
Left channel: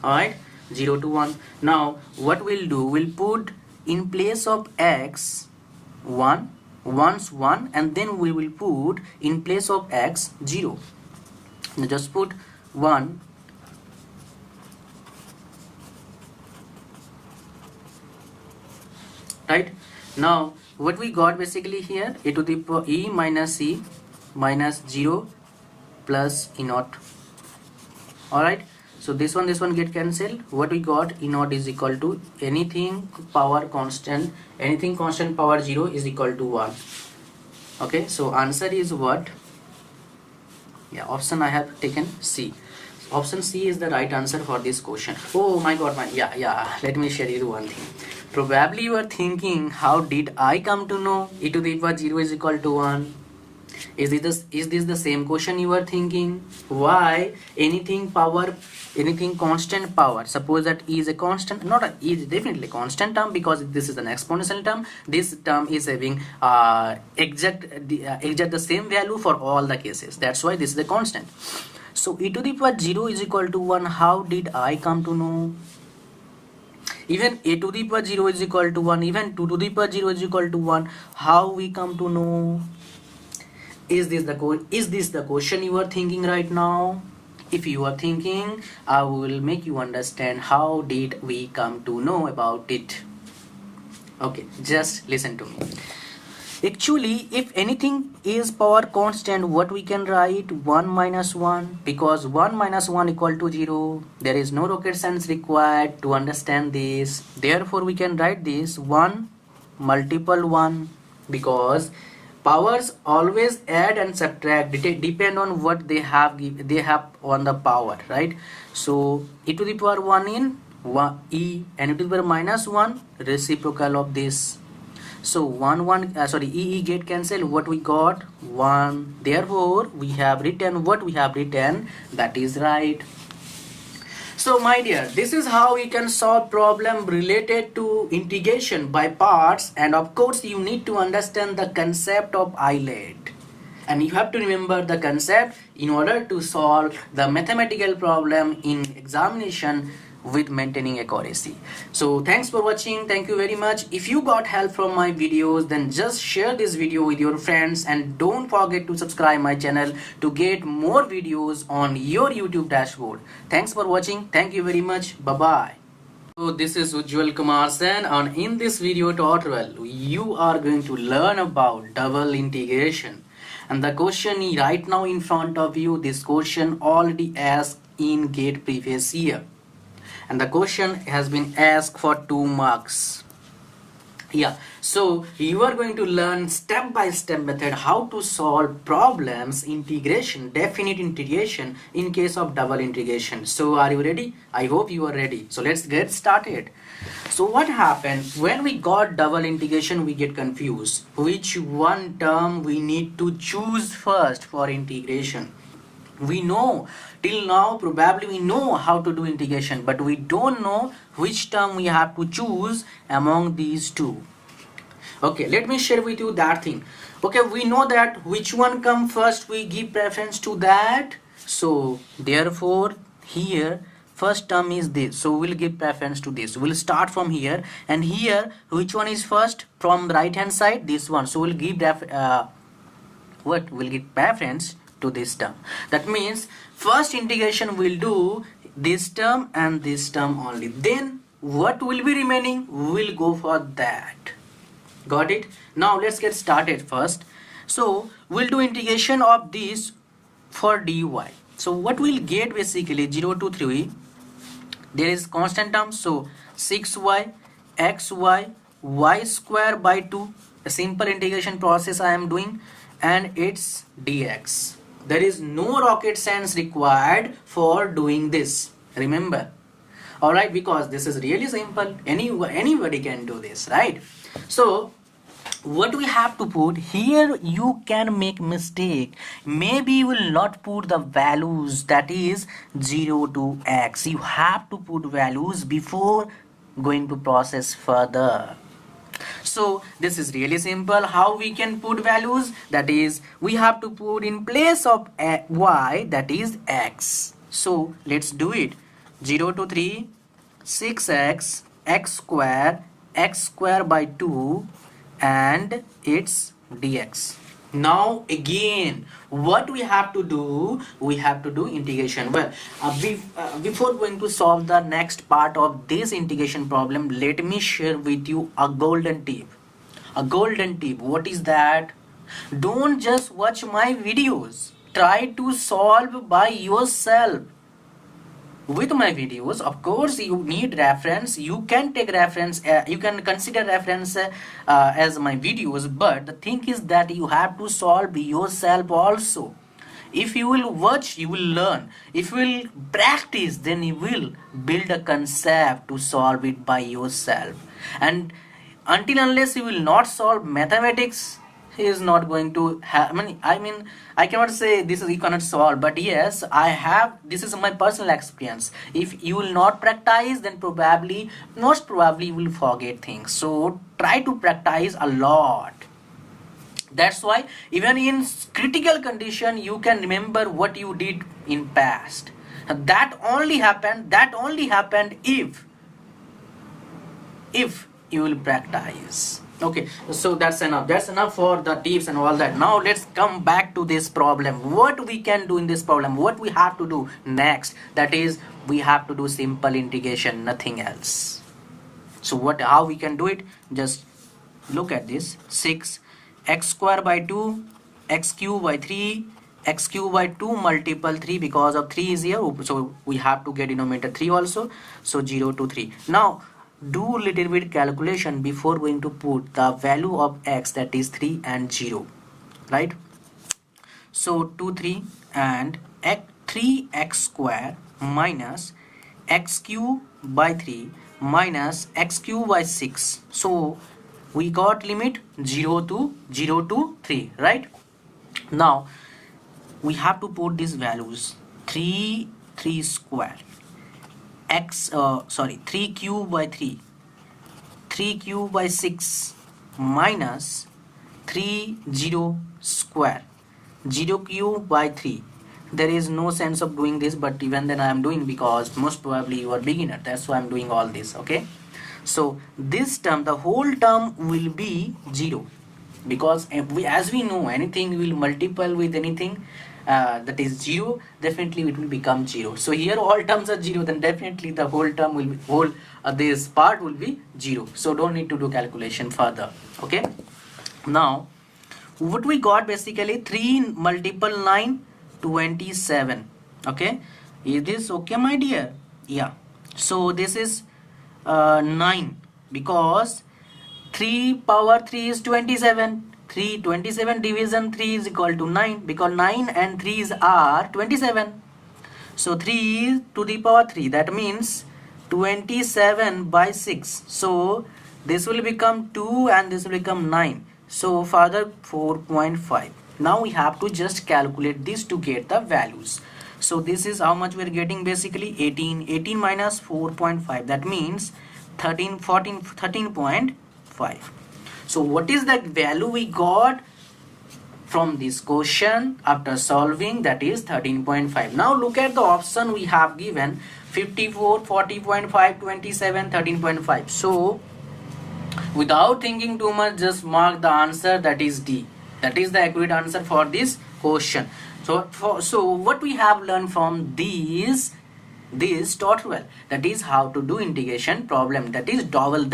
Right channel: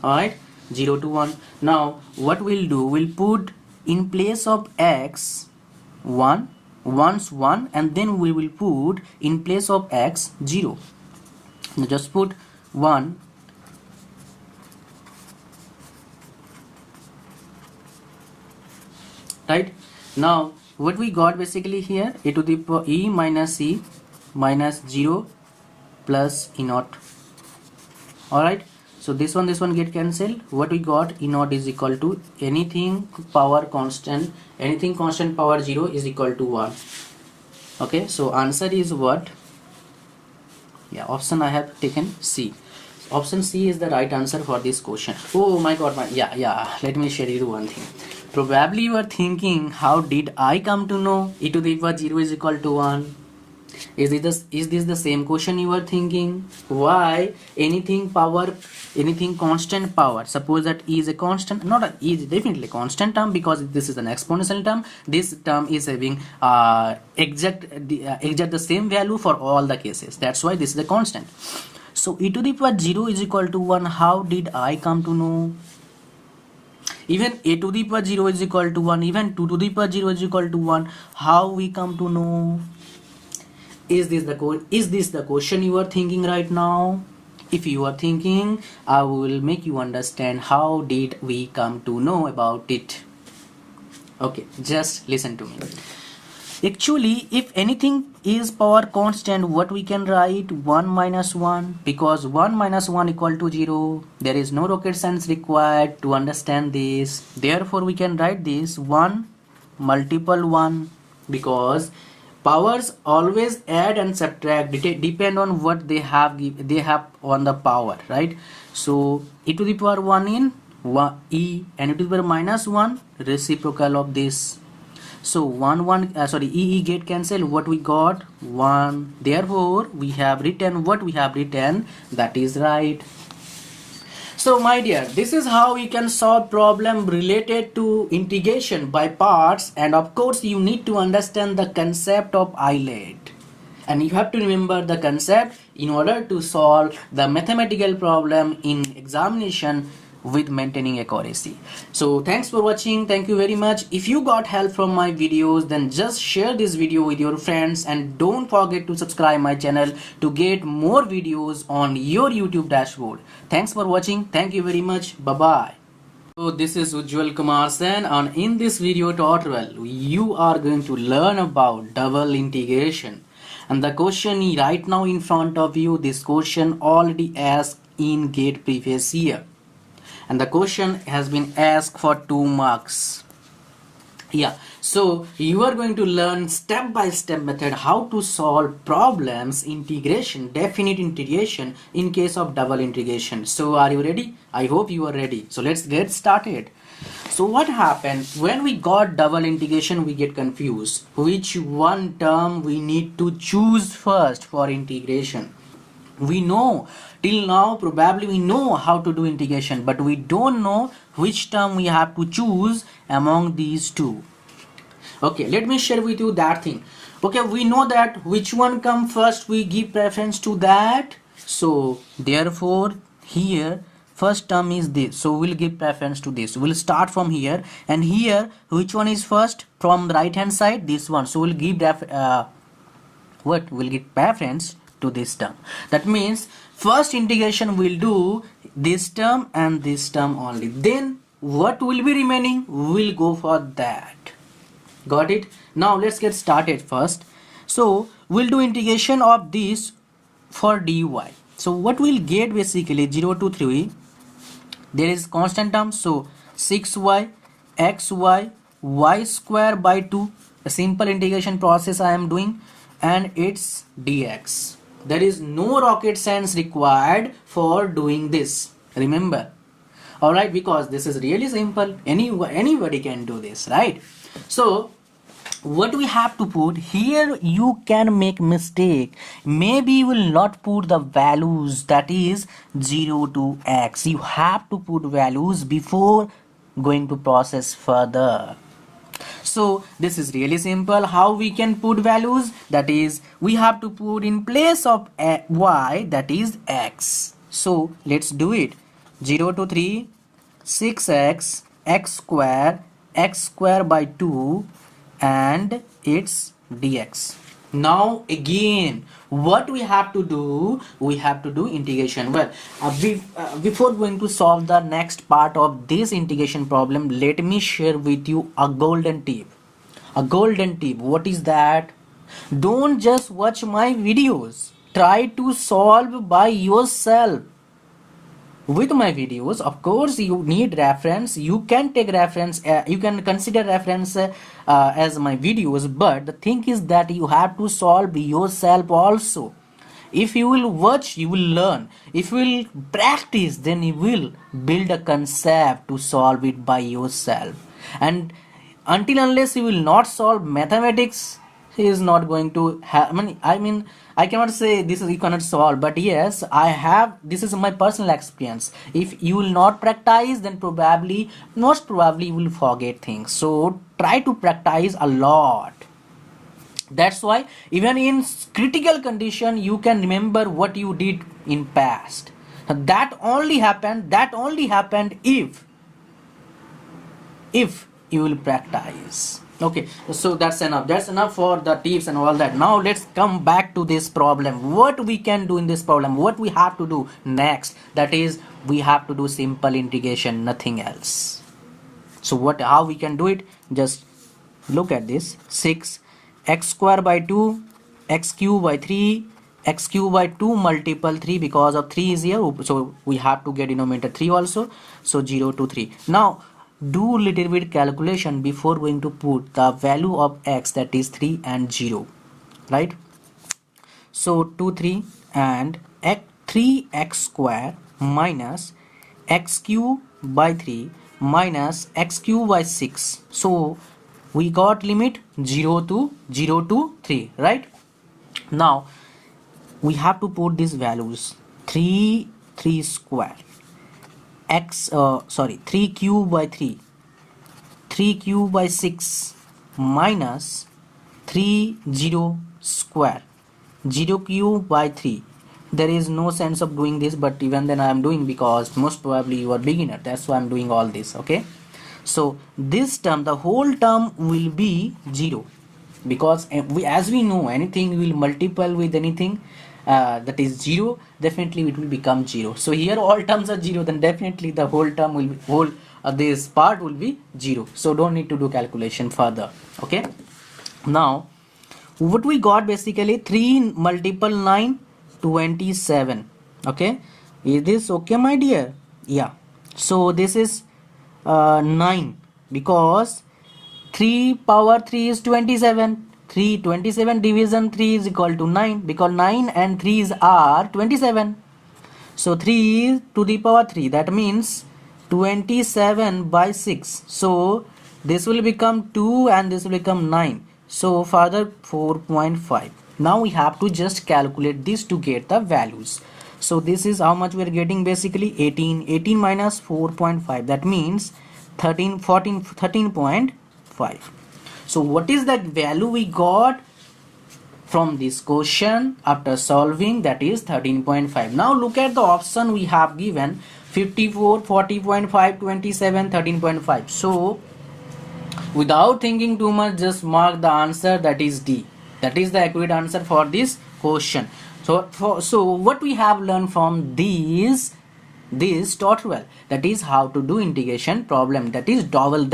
Alright, 0 to 1. Now what we'll do, we'll put in place of x 1, once 1, and then we will put in place of x 0. Now just put 1, right? Now what we got basically here, e to the power e minus 0 plus e naught. Alright, so this one get cancelled. What we got, e naught is equal to anything power constant, anything constant power 0 is equal to 1. Okay, so answer is what? Yeah, option I have taken C. Option C is the right answer for this question. Oh my god, yeah, let me share you one thing. Probably you are thinking, how did I come to know e to the power 0 is equal to 1? Is this the same question you are thinking? Why anything constant power, suppose that e is a constant, not a, e is definitely a constant term because this is an exponential term. This term is having exact the same value for all the cases. That's why this is a constant. So e to the power 0 is equal to 1. How did I come to know? Even a to the power 0 is equal to 1, even 2 to the power 0 is equal to 1. How we come to know? Is this the question you are thinking right now? If you are thinking, I will make you understand how did we come to know about it. Okay, just listen to me. Actually, if anything is power constant, what we can write? 1 minus 1, because 1 minus 1 equal to 0. There is no rocket science required to understand this. Therefore, we can write this 1 multiple 1, because powers always add and subtract, depend on what they have on the power, right? So e to the power 1 in 1 e, and e to the power minus 1 reciprocal of this. So e get cancelled. What we got? 1. Therefore we have written what we have written, that is right. So my dear, this is how we can solve problem related to integration by parts, and of course you need to understand the concept of islet, and you have to remember the concept in order to solve the mathematical problem in examination with maintaining accuracy. So thanks for watching. Thank you very much. If you got help from my videos, then just share this video with your friends, and don't forget to subscribe my channel to get more videos on your YouTube dashboard. Thanks for watching. Thank you very much. Bye bye. So this is Ujjwal Kumar Sen, and in this video tutorial you are going to learn about double integration. And the question right now in front of you, this question already asked in GATE previous year, and the question has been asked for 2 marks. Yeah, so you are going to learn step-by-step method how to solve problems integration, definite integration in case of double integration. So are you ready? I hope you are ready. So let's get started. So what happened when we got double integration? We get confused which one term we need to choose first for integration. We know till now, probably we know how to do integration, but we don't know which term we have to choose among these two. Okay, let me share with you that thing. Okay, we know that which one come first, we give preference to that. So therefore here first term is this, so we'll give preference to this. We'll start from here, and here which one is first from the right hand side? This one. So we'll give that we'll give preference to this term. That means first integration will do this term and this term only. Then what will be remaining? We'll go for that. Got it? Now let's get started first. So we'll do integration of this for dy. So what we'll get basically 0 to 3, there is constant term, so 6y xy y square by 2, a simple integration process I am doing, and it's dx. There is no rocket science required for doing this, remember. Alright, because this is really simple, anybody can do this, right? So what we have to put here, you can make mistake, maybe you will not put the values, that is 0 to x. You have to put values before going to process further. So this is really simple. How we can put values, that is we have to put in place of y, that is x. So let's do it. 0 to 3, 6x x square by 2, and it's dx. Now again, what we have to do, we have to do integration. Well, before going to solve the next part of this integration problem, let me share with you a golden tip. A golden tip, what is that? Don't just watch my videos, try to solve by yourself. With my videos, of course you need reference, you can take reference, you can consider reference as my videos, but the thing is that you have to solve yourself also. If you will watch, you will learn. If you will practice, then you will build a concept to solve it by yourself. And until unless you will not solve mathematics, he is not going to have, I cannot say this is you cannot solve, but yes, I have, this is my personal experience. If you will not practice, then most probably you will forget things. So try to practice a lot. That's why even in critical condition, you can remember what you did in past. That only happened if you will practice. Okay, so that's enough for the tips and all that. Now let's come back to this problem. What we can do in this problem, what we have to do next, that is we have to do simple integration, nothing else. So how we can do it, just look at this. 6 x square by 2 x cube by 3 x cube by 2 multiple 3, because of 3 is here, so we have to get denominator 3 also. So 0 to 3. Now do little bit calculation before going to put the value of x, that is 3 and 0, right? So 2 3 and 3x square minus x cube by 3 minus x cube by 6. So we got limit 0 to 3, right? Now we have to put these values. 3 square 3 cube by 3 cube by 6 minus 0 square 0 cube by 3. There is no sense of doing this, but even then I am doing, because most probably you are beginner, that's why I am doing all this. Okay, so this term, the whole term will be 0, because as we know, anything we will multiply with anything that is 0, definitely it will become 0. So here all terms are 0, then definitely the whole term will be this part will be 0. So don't need to do calculation further. Okay, now what we got basically, 3 multiple 9, 27. Okay, is this okay, my dear? Yeah, so this is 9, because 3 power 3 is 27. 27 division 3 is equal to 9, because 9 and 3's are 27. So 3 to the power 3, that means 27 by 6. So this will become 2 and this will become 9. So further 4.5. Now we have to just calculate this to get the values. So this is how much we are getting basically, 18 minus 4.5, that means 13.5. So what is that value we got from this question after solving? That is 13.5. Now look at the option we have given, 54, 40.5, 27, 13.5. So without thinking too much, just mark the answer, that is D. That is the accurate answer for this question. So what we have learned from these this tutorial, that is how to do integration problem, that is double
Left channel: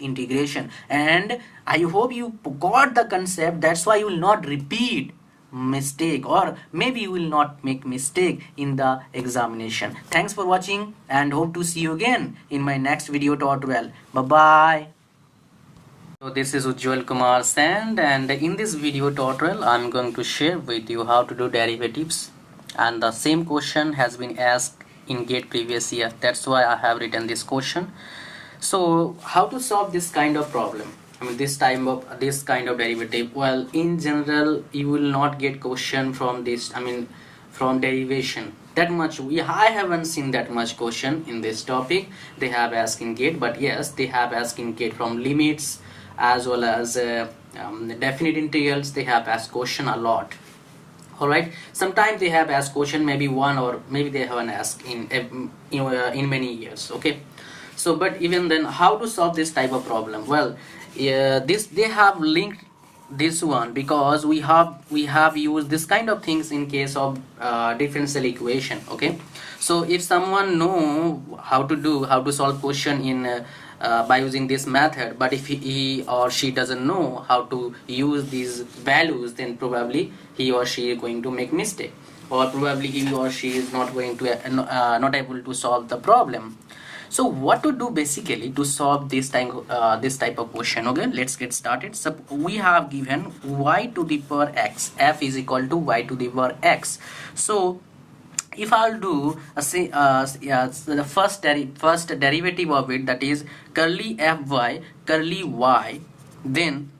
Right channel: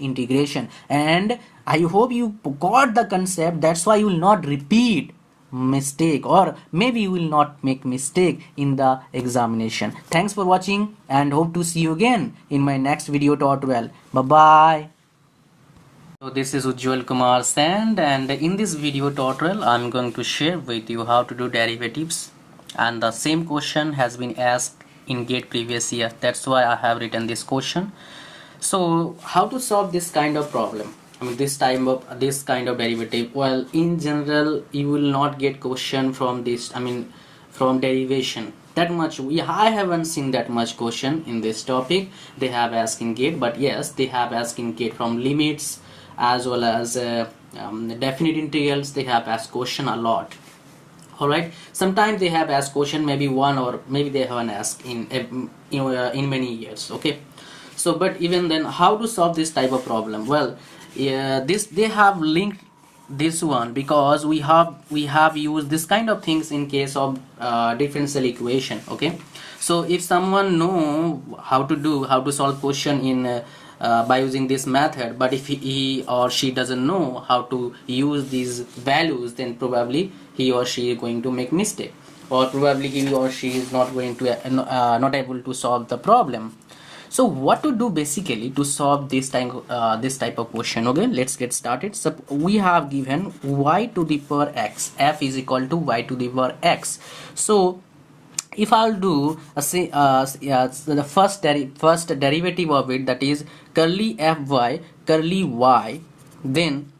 integration. And I hope you got the concept. That's why you will not repeat mistake, or maybe you will not make mistake in the examination. Thanks for watching and hope to see you again in my next video tutorial. Bye bye. So this is Ujjwal Kumar Sand, and in this video tutorial I'm going to share with you how to do derivatives, and the same question has been asked in GATE previous year. That's why I have written this question. So how to solve this kind of problem? I mean this kind of derivative. Well, in general you will not get question from this, I mean from derivation that much. I haven't seen that much question in this topic. They have asked in GATE, but yes, they have asked in GATE from limits as well as definite integrals. They have asked question a lot. Alright, sometimes they have asked question maybe one, or maybe they haven't asked in many years. Okay, so but even then, how to solve this type of problem? Well, they have linked this one because we have used this kind of things in case of differential equation. Okay, so if someone know how to solve question in by using this method, but if he or she doesn't know how to use these values, then probably he or she is going to make mistake, or probably he or she is not going to not able to solve the problem. So what to do basically to solve this type of question? Okay, let's get started. So we have given y to the power x, f is equal to y to the power x. So if I'll do the first derivative of it, that is curly fy curly y, then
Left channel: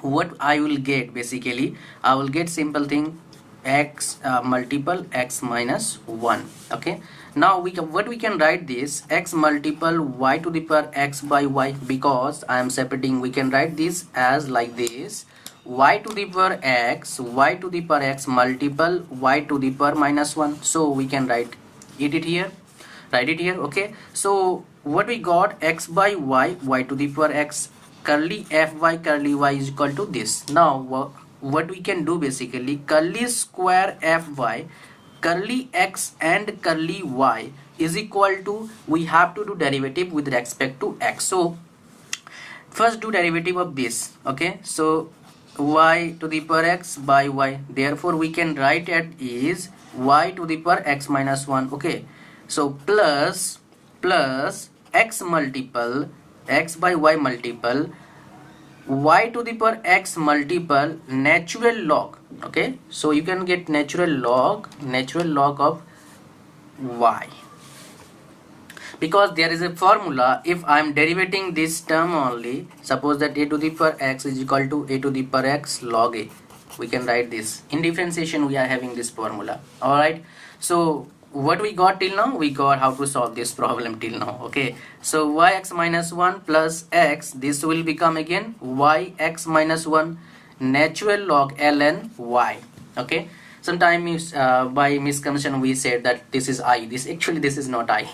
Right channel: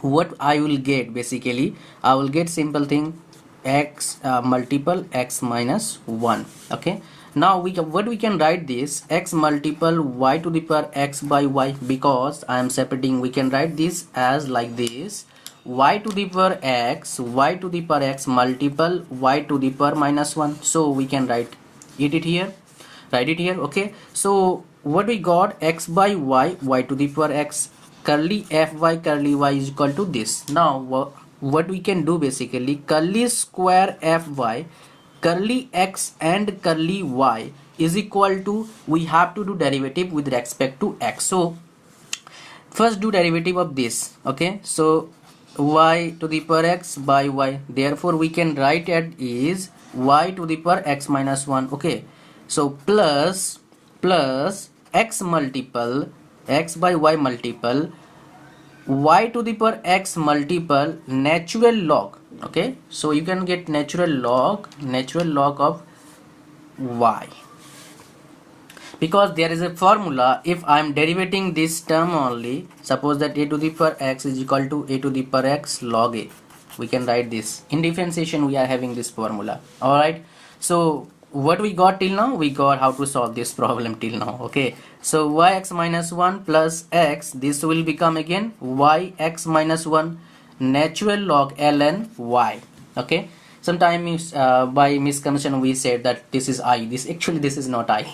what I will get, basically I will get simple thing x multiple x minus 1. Okay, now what we can write this x multiple y to the power x by y, because I am separating, we can write this as like this: y to the power x multiple y to the power minus 1. So we can write it here. Okay, so what we got, x by y to the power x, curly fy curly y is equal to this. Now what we can do, basically curly square fy curly x and curly y is equal to, we have to do derivative with respect to x. So first do derivative of this. Okay, so y to the power x by y, therefore we can write it is y to the power x minus 1. Okay, so plus x multiple x by y multiple y to the power x multiple natural log. Okay, so you can get natural log of y, because there is a formula. If I am derivating this term only, suppose that a to the power x is equal to a to the power x log a, we can write this. In differentiation we are having this formula. Alright, so what we got till now, we got how to solve this problem till now. Okay, so yx minus 1 plus x, this will become again yx minus 1 natural log ln y. Okay, sometimes by misconception we said that this is I, this is not I.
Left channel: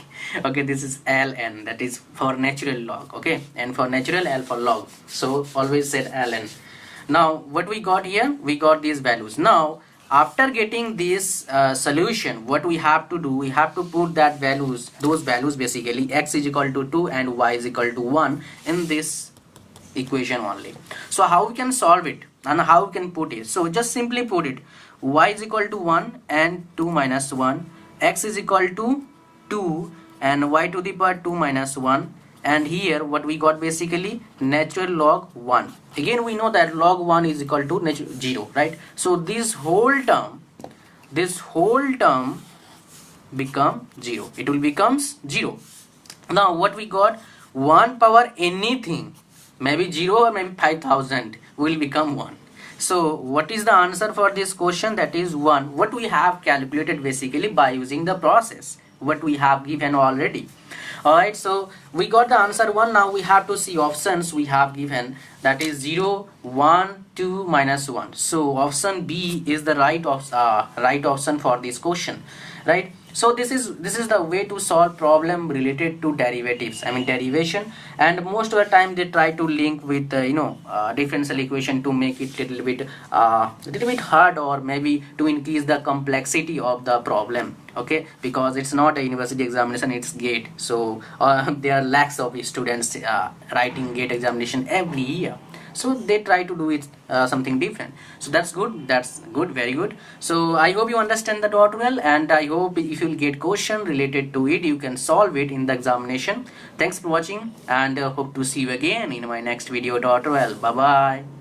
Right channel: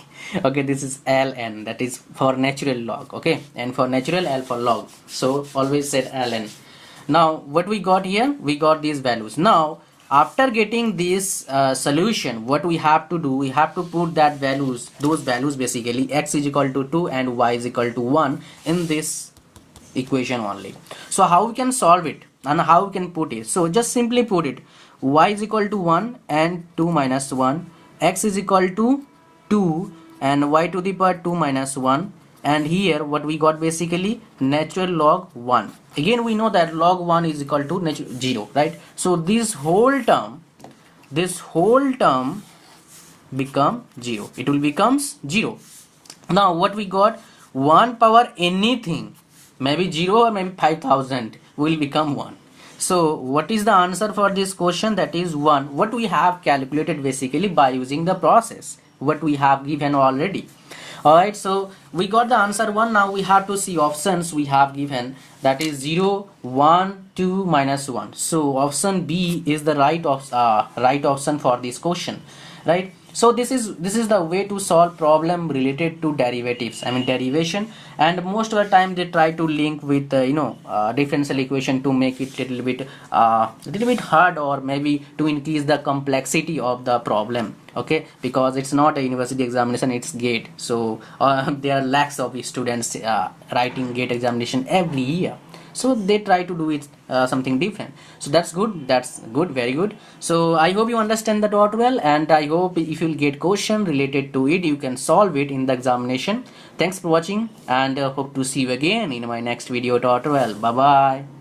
Okay, this is ln, that is for natural log. Okay, and for natural, L for log, so always said ln. Now what we got here, we got these values. Now after getting this solution, what we have to do, we have to put those values basically x is equal to 2 and y is equal to 1 in this equation only. So how we can solve it and how we can put it? So just simply put it, y is equal to 1 and 2 minus 1, x is equal to 2 and y to the power 2 minus 1, and here what we got, basically natural log 1. Again we know that log 1 is equal to 0, right? So this whole term become 0, it will becomes 0. Now what we got, 1 power anything, maybe 0 or maybe 5000, will become 1. So what is the answer for this question? That is 1. What we have calculated basically by using the process what we have given already. Alright, so we got the answer 1. Now we have to see options we have given, that is 0, 1, 2, minus 1. So option B is the right option for this question, right? So this is the way to solve problem related to derivatives, I mean derivation. And most of the time they try to link with differential equation to make it a little bit hard, or maybe to increase the complexity of the problem. okay, because it's not a university examination, it's gate. So there are lakhs of students writing gate examination every year, so they try to do it something different. So that's good, very good. So I hope you understand the tutorial, and I hope if you'll get question related to it, you can solve it in the examination. Thanks for watching, and hope to see you again in my next video tutorial. Bye bye.